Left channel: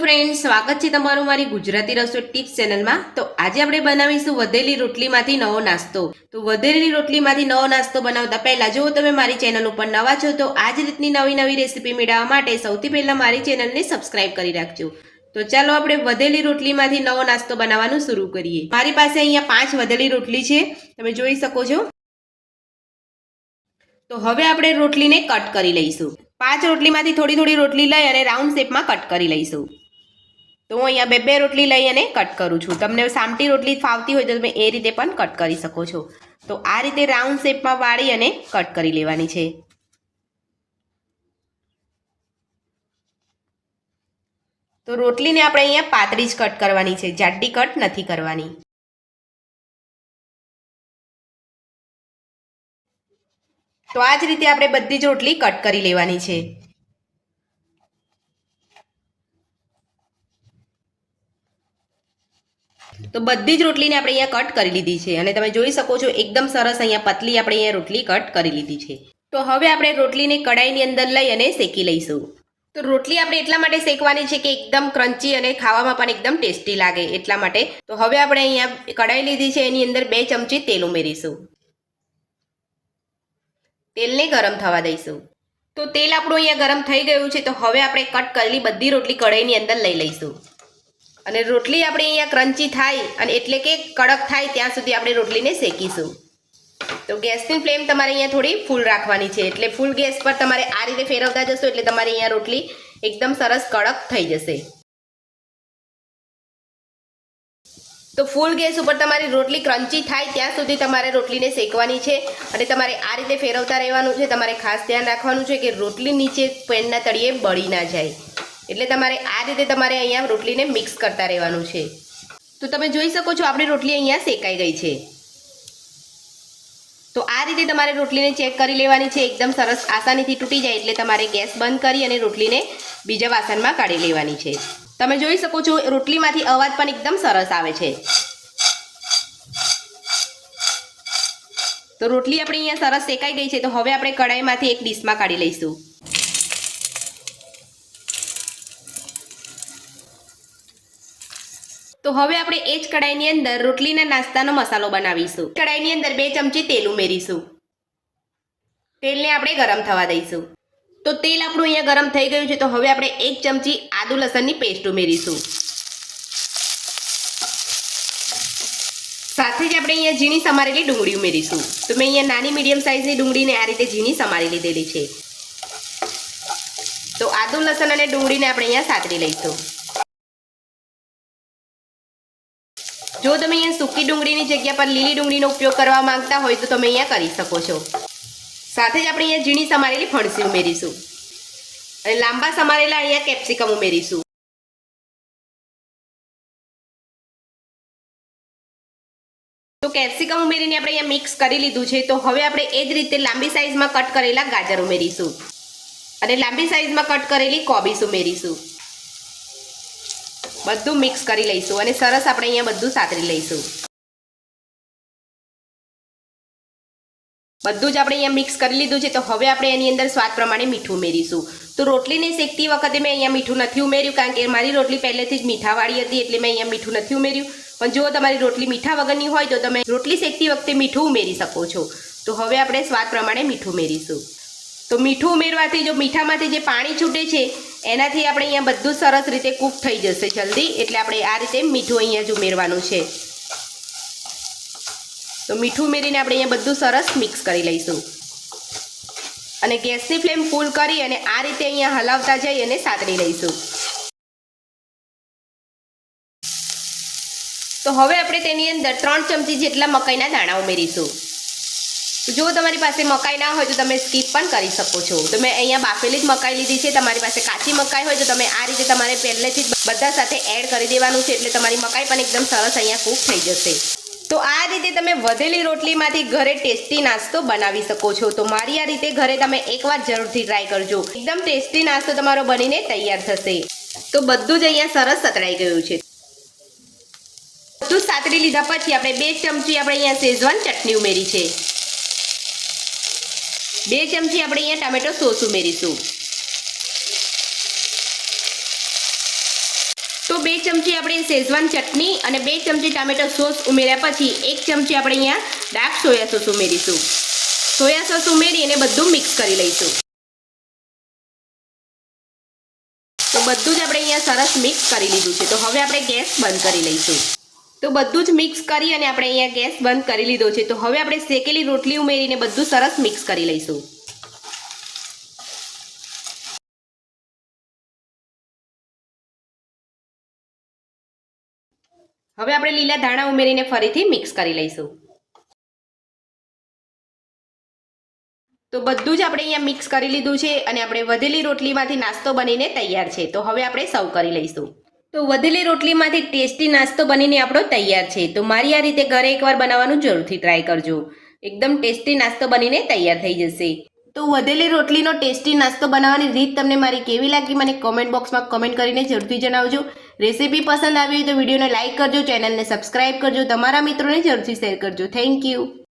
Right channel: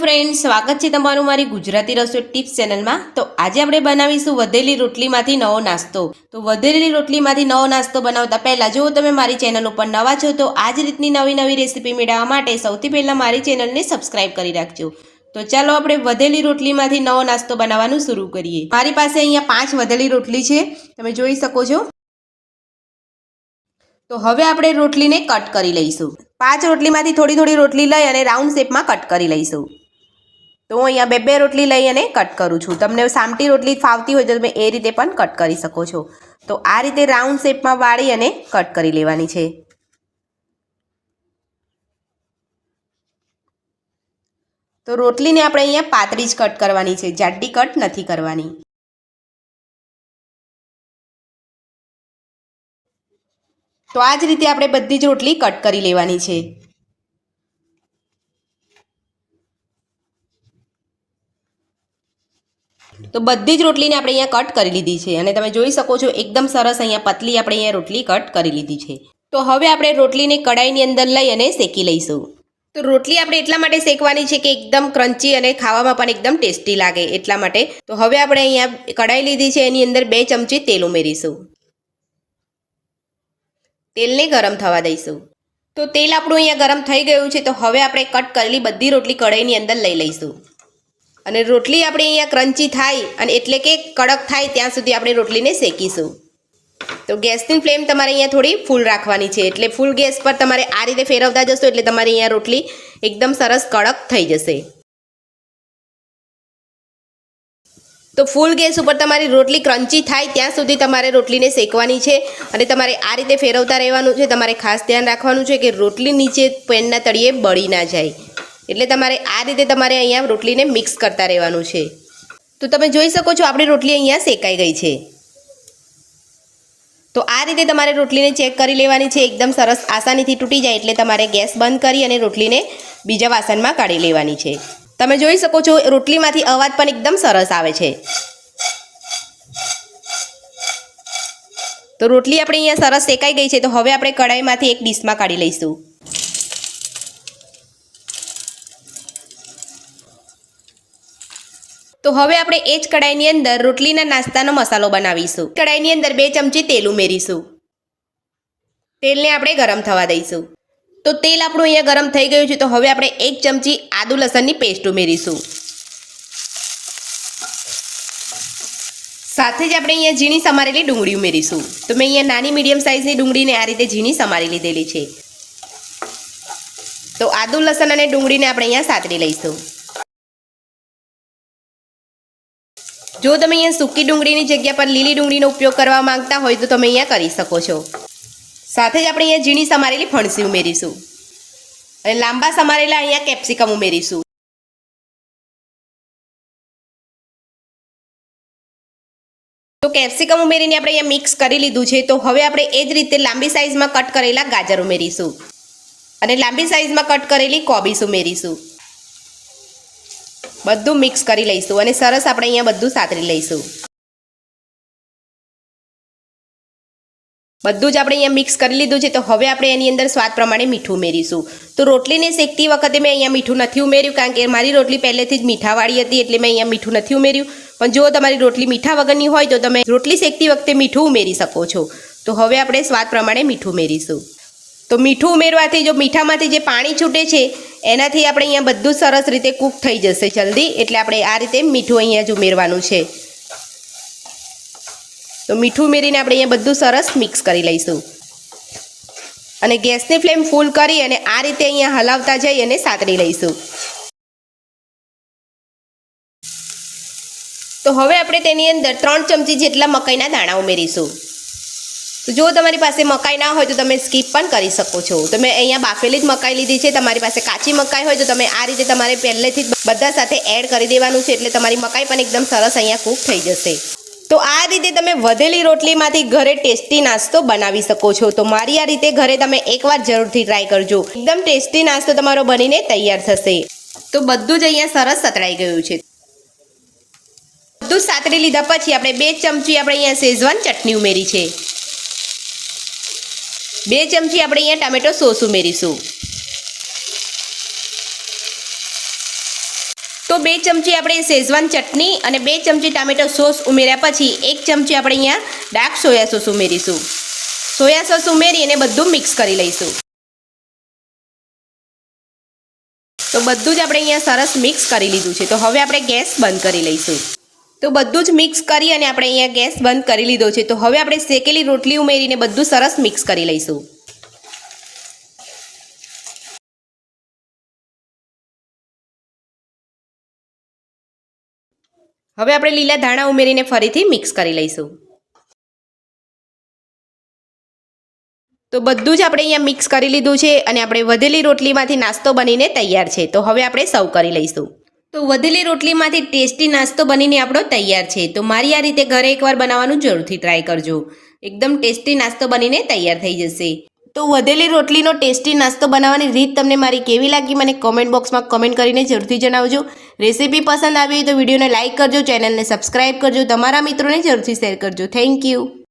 Friend સ્વાગત છે તમારું મારી ગુજરાતી રસોઈ ટિપ્સ ચેનલમાં તો આજે આપણે બનાવીશું વધેલી રોટલીમાંથી નવો નાસ્તો. તો વધેલી રોટલીમાંથી નવો નાસ્તો બનાવતા પહેલાં જો તમે મારી ચેનલ ઉપર નવા છો, તો આ જ રીતની નવી નવી રેસીપી મેળવવા માટે સૌથી પહેલાં મારી ચેનલને સબસ્ક્રાઇબ કરી રાખજો. તો ચાલો આપણે વધેલી રોટલીમાંથી નવો નાસ્તો બનાવવાનું શરૂ કરીએ. મારી પાસે અહીંયા પાંચ વધેલી રોટલી છે. તમે જોઈ શકો છો. તો હવે આપણે રોટલીને કટ કરી લઈશું. પાંચ રોટલીમાંથી થોડી થોડી રોટલી લઈ અને રાઉન્ડ શેપમાં કટ કરી લઈશું. તો હું અહીંયા બે બે રોટલી લઈ અને કટ કરું છું. તમને સામટી રોટલી ફાવતી હોય તો તમે એ રીતે પણ કટ કરી શકો છો. તો આ રીતે રાઉન્ડ શેપમાં વાળી અને કટ કરી લેવાની છે. તો રોટલીને આપણે અહીંયા પાતળી જ કટ કરવાની છે. જાડી કટ નથી કરવાની. તો આ જ રીતે આપણે બધી જ રોટલી કટ કરી લેવાની છે. તો બધી જ રોટલીને આપણે અહીંયા કટ કરી લીધી છે અને તમે જોઈ શકો છો એકદમ સરસ અહીંયા પતલી આપણે અહીંયા રોટલી કટ કરી લીધી છે. તો હવે આપણે રોટલીને કડાઈની અંદર લઈ અને શેકી લઈશું. તો રોટલી આપણે એટલા માટે શેકવાની છે કે એકદમ ક્રન્ચી અને ખાવામાં પણ એકદમ ટેસ્ટી લાગે એટલા માટે. તો હવે આપણે અહીંયા કડાઈ લીધી છે, એની અંદર બે ચમચી તેલ ઉમેરીશું. તેલને ગરમ થવા દઈશું. તો તેલ આપણું અહીંયા ગરમ થઈ ગયું છે, તો હવે આપણે કટ કરેલી બધી રોટલી કઢાઈની અંદર લઈ લઈશું. અને રોટલી આપણે અહીંયા ક્રન્ચી થાય અને એટલે કે કડક થાય ત્યાં સુધી આપણે રોટલીને શેકીશું. તો ગેસની ફ્લેમ તમારે અહીંયા થોડી ફૂલ રાખવાની છે. એટલે ફૂલ ગેસ પર તમારે આ રીતે ફેરવતા જશો એટલે તમારી અહીંયા રોટલી એકદમ સરસ કડક થઈ જશે. તો ફૂલ ગેસ ઉપર તમારી રોટલી ક્રન્ચી થાય ત્યાં સુધી તમારે રોટલીને શેકવાની છે અને તમારે આ રીતે ફેરવતા રહેવાનું છે. તમારે ખાસ ધ્યાન રાખવાનું છે કે રોટલી નીચે પેનના તળિયે બળી ના જાય. એટલે તમારે આ રીતે તમારે અહીંયા રોટલીને મિક્સ કરતા રહેવાનું છે. તો તમે જોઈ શકો છો આપણી રોટલી અહીંયા શેકાઈ ગઈ છે. તો આ રીતે તમારે રોટલીને ચેક કરી લેવાની છે. એકદમ સરસ આસાનીથી તૂટી જાય એટલે તમારે ગેસ બંધ કરી અને રોટલીને બીજા વાસણમાં કાઢી લેવાની છે. તમે જોઈ શકો છો રોટલીમાંથી અવાજ પણ એકદમ સરસ આવે છે. તો રોટલી આપણે અહીંયા સરસ શેકાઈ ગઈ છે. તો હવે આપણે કઢાઈમાંથી એક ડીશમાં કાઢી લઈશું. તો હવે આપણે એ જ કડાઈની અંદર રોટલીના નાસ્તાનો મસાલો બનાવીશું. કડાઈની અંદર બે ચમચી તેલ ઉમેરીશું. તેલને આપણે ગરમ થવા દઈશું. તો તેલ આપણું અહીંયા ગરમ થઈ ગયું છે, તો હવે આપણે એક ચમચી આદુ લસણની પેસ્ટ ઉમેરીશું. સાથે જ આપણે અહીંયા ઝીણી સમારેલી ડુંગળી ઉમેરીશું. તો મેં અહીંયા નાની મીડિયમ સાઇઝની ડુંગળીને આ રીતે ઝીણી સમારી લીધેલી છે. તો આદુ લસણ અને ડુંગળીને આપણે અહીંયા સાતરી લઈશું. જો તમે અહીંયા સૂકી ડુંગળીની જગ્યા પર લીલી ડુંગળીનો ઉપયોગ કરવા માંગતા હોય તો તમે અહીંયા કરી શકો છો. સાથે જ આપણે અહીંયા ઝીણી સમારેલી ફણસી ઉમેરીશું. અને લાંબા સમારેલા અહીંયા કેપ્સિકમ ઉમેરીશું. તો કેપ્સિકમ ઉમેરીને આપણે અહીંયા મિક્સ કરી લીધું છે. તો હવે આપણે એ જ રીતે લાંબી સાઇઝમાં કટ કરેલા ગાજર ઉમેરીશું. અને લાંબી સાઇઝમાં કટ કરેલી કોબીસ ઉમેરીશું. બધું મિક્સ કરી લઈશું અને સરસ આપણે અહીંયા બધું સાતરી લઈશું. બધું જ આપણે અહીંયા મિક્સ કરી લીધું છે. તો હવે આપણે એની અંદર સ્વાદ પ્રમાણે મીઠું ઉમેરીશું. તો રોટલીને શેકતી વખતે મેં અહીંયા મીઠું નથી ઉમેર્યું કારણ કે મારી રોટલી પહેલેથી જ મીઠાવાળી હતી એટલે મેં અહીંયા મીઠું નથી ઉમેર્યું. પણ જો તમારી રોટલી મીઠા વગરની હોય તો તમે રોટલી શેકતી વખતે મીઠું ઉમેરી શકો છો. તો હવે આપણે સ્વાદ પ્રમાણે મીઠું ઉમેરીશું. તો મીઠું ઉમેરવાથી જો મીઠામાંથી જે પાણી છૂટે છે, એનાથી આપણે અહીંયા બધું સરસ રીતે કૂક થઈ જશે જલ્દી. એટલે આપણે આ રીતે મીઠું અહીંયા જ ઉમેરવાનું છે. તો મીઠું ઉમેરીને આપણે અહીંયા બધું સરસ મિક્સ કરી લઈશું. અને ગેસની ફ્લેમ ફૂલ કરી અને આ રીતે અહીંયા હલાવતા જઈ અને સાતરી લઈશું. તો હવે આપણે તેની અંદર ત્રણ ચમચી જેટલા મકાઈના દાણા ઉમેરીશું. જો તમારી પાસે મકાઈ ના હોય તો તમે સ્કીપ પણ કરી શકો છો. તમે અહીંયા બાફેલી જ મકાઈ લીધી છે. તમારી પાસે કાચી મકાઈ હોય તો તમે આ રીતે તમારે પહેલેથી બધા સાથે એડ કરી દેવાનું છે એટલે તમારી મકાઈ પણ એકદમ સરસ અહીંયા કૂક થઈ જશે. તો આ રીતે તમે વધેલી રોટલીમાંથી ઘરે ટેસ્ટી નાસ્તો બનાવી શકો છો. તો મારી આ રીતે ઘરે તમે એકવાર જરૂરથી ટ્રાય કરજો. એકદમ ટેસ્ટી નાસ્તો તમારો બનીને તૈયાર થશે. તો બધું જ અહીંયા સરસ સતરાઈ ગયું છે. બધું સાતરી લીધા પછી આપણે બે ચમચી આપણે અહીંયા શેઝવાન ચટણી ઉમેરી છે. બે ચમચી આપણે અહીંયા ટામેટો સોસ ઉમેરીશું. તો બે ચમચી આપણે શેઝવાન ચટણી અને બે ચમચી ટામેટો સોસ ઉમેર્યા પછી એક ચમચી આપણે અહીંયા ડાર્ક સોયા સોસ ઉમેરીશું. સોયા સોસ ઉમેરી અને બધું મિક્સ કરી લઈશું. તો બધું જ આપણે અહીંયા સરસ મિક્સ કરી લીધું છે. તો હવે આપણે ગેસ બંધ કરી લઈશું. તો બધું જ મિક્સ કરી અને આપણે અહીંયા ગેસ બંધ કરી લીધો છે. તો હવે આપણે શેકેલી રોટલી ઉમેરીને બધું સરસ મિક્સ કરી લઈશું. હવે આપણે લીલા ધાણા ઉમેરીને ફરીથી મિક્સ કરી લઈશું. તો બધું જ આપણે અહીંયા મિક્સ કરી લીધું છે અને આપણે વધેલી રોટલીમાંથી નાસ્તો બનીને તૈયાર છે. તો હવે આપણે સર્વ કરી લઈશું. તો વધેલી રોટલીમાંથી ટેસ્ટી નાસ્તો બનીને આપણો તૈયાર છે. તો મારી આ રીતે ઘરે એકવાર બનાવવાનું જરૂરથી ટ્રાય કરજો. એકદમ ટેસ્ટી નાસ્તો બનીને તૈયાર થઈ જશે. તો વધેલી રોટલીનો ટેસ્ટી નાસ્તો બનાવવાની રીત તમને મારી કેવી લાગી મને કોમેન્ટ બોક્સમાં કોમેન્ટ કરીને જરૂરથી જણાવજો. રેસીપી પસંદ આવી હોય તો વિડીયોને લાઇક કરજો ચેનલને સબસ્ક્રાઇબ કરજો, તમારા મિત્રોને જરૂરથી શેર કરજો. Thank you